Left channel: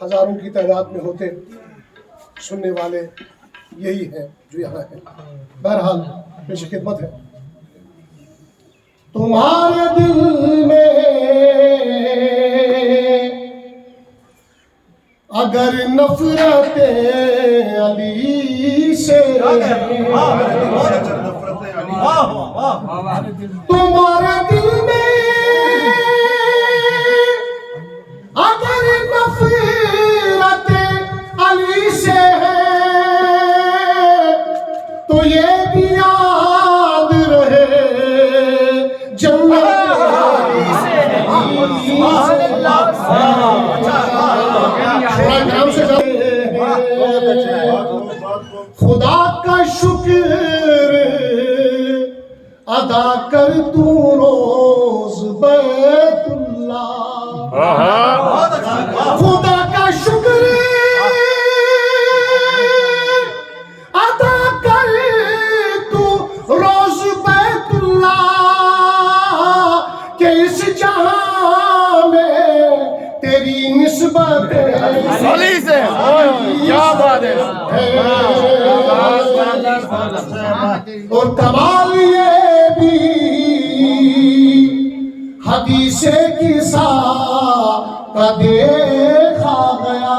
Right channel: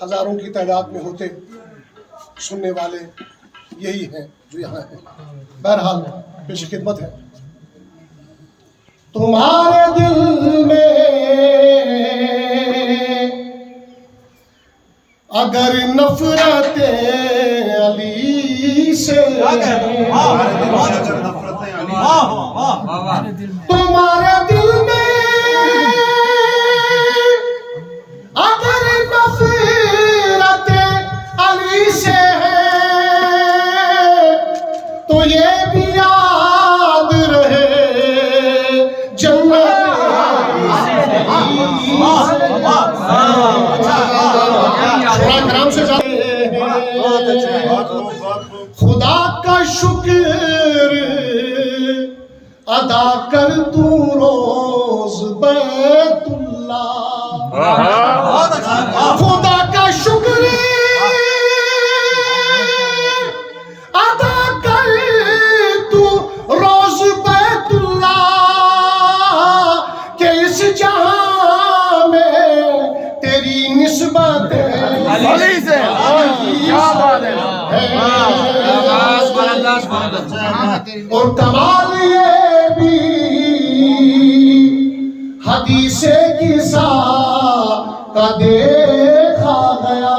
हजारों की तादाद में होते, सुनने वाले यही हैं जो यहाँ हैं। बहरहाल पेश खिदमत है। तुम्हारे दिल में अगर नफरत अली से, तुम्हारे दिल में अगर नफरत अली से है, तो ये भी याद रहे जन्नत ग्राम से खुदा का शुक्र अदा कर तू रोज बैतुल्लाह, खुदा का शुक्र अदा कर तू रोज बैतुल्लाह, के इस जहां में तेरी निस्बत अली से क्या बात है। और कमाल ये भी हदीसे किसा का देखा गया।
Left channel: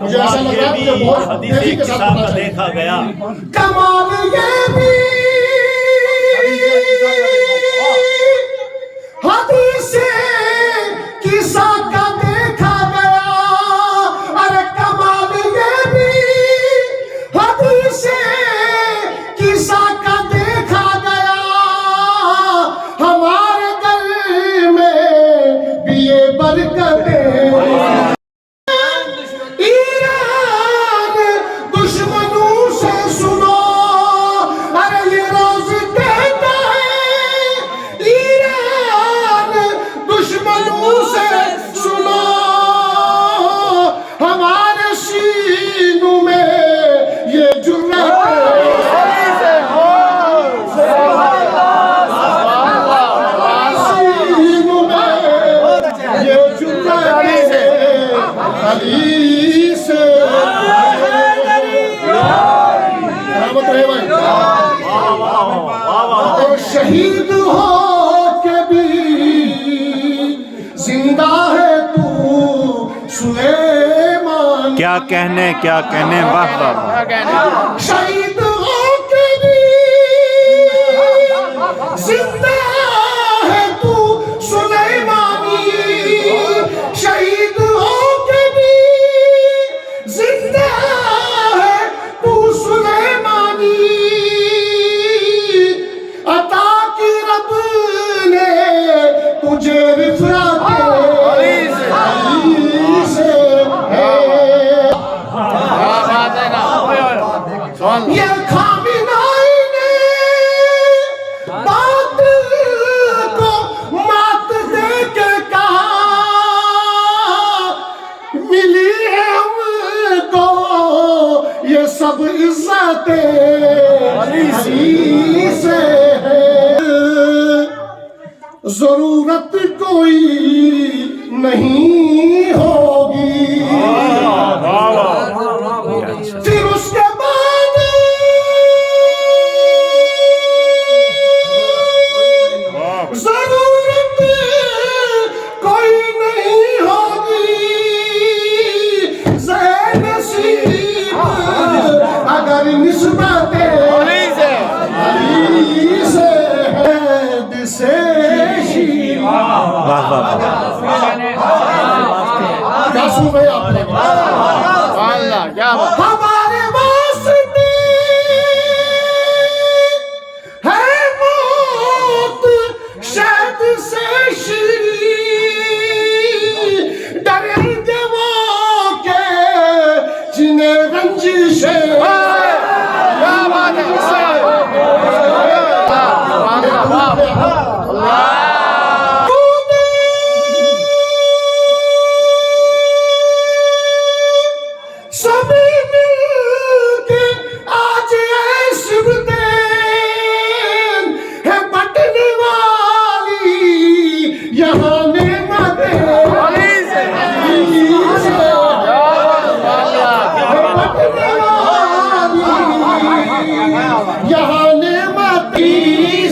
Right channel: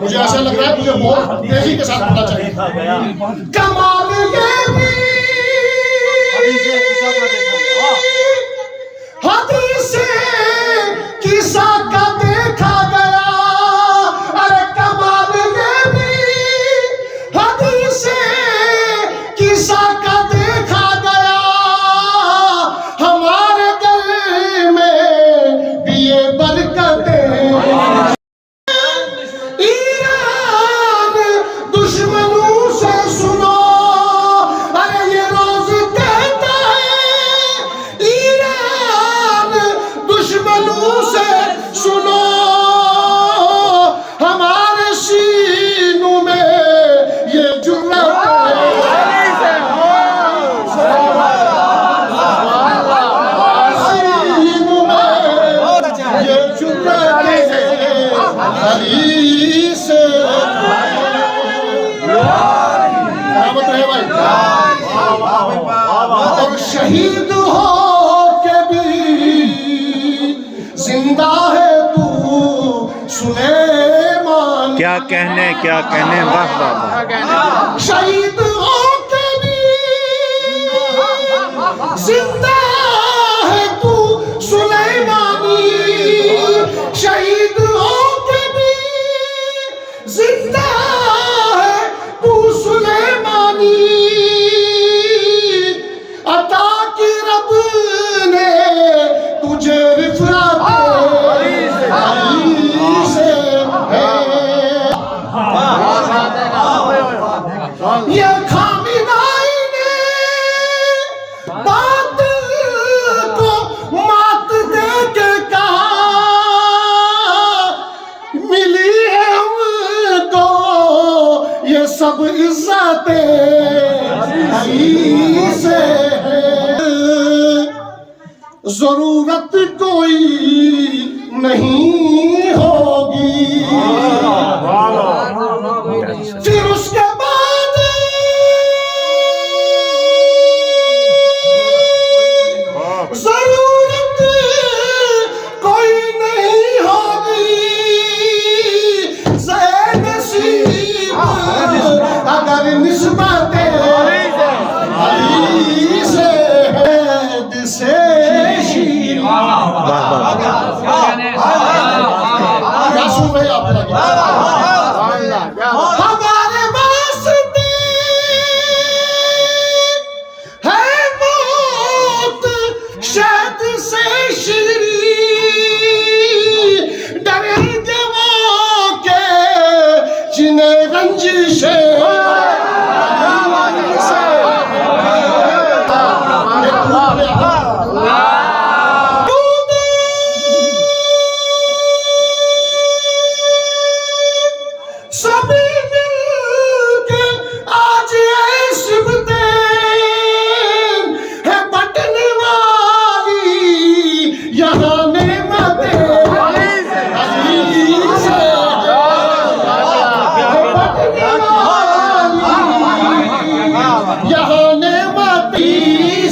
मुझे ऐसा लग रहा है मुझे बहुत तेजी के साथ पता चलेगा। कमाल ये भी हदीसे किसा का देखा गया। अरे कमाल ये भी हदीसे किसा का देखा गया। हमारे दिल में भी ये बरकतें, ईरान दुश्मनों से सुनो, अरे ये रोज कहता है ईरान दुश्मनों से सुनो, हमारे सीनों में ये जुर्रत सीनों में ये जुर्रत अली से बराबर है भाई। और शहीद हो के भी जिंदा है तू सुलेमान, क्या कहने वाह वाह। शहीद हो के भी जिंदा है तू सुलेमानी, शहीद हो के भी जिंदा है तू सुलेमानी। अता की रब ने तुझे रिफत अली से है। ये खामिनाई ने बात को मात दे के कहा, मिली है हमको ये सब इज्जतें अली से है। जरूरत कोई नहीं होगी फिर उसके बाद जरूरत कोई नहीं होगी। ज़े-नसीब अगर निस्बतें अली से है से क्या सुन रहे आप लोग? हमारे वास्ते है मौत शायद से शीरी, डरेंगे वो के जिन्हें रंजिशें सभी यहाँ नेमती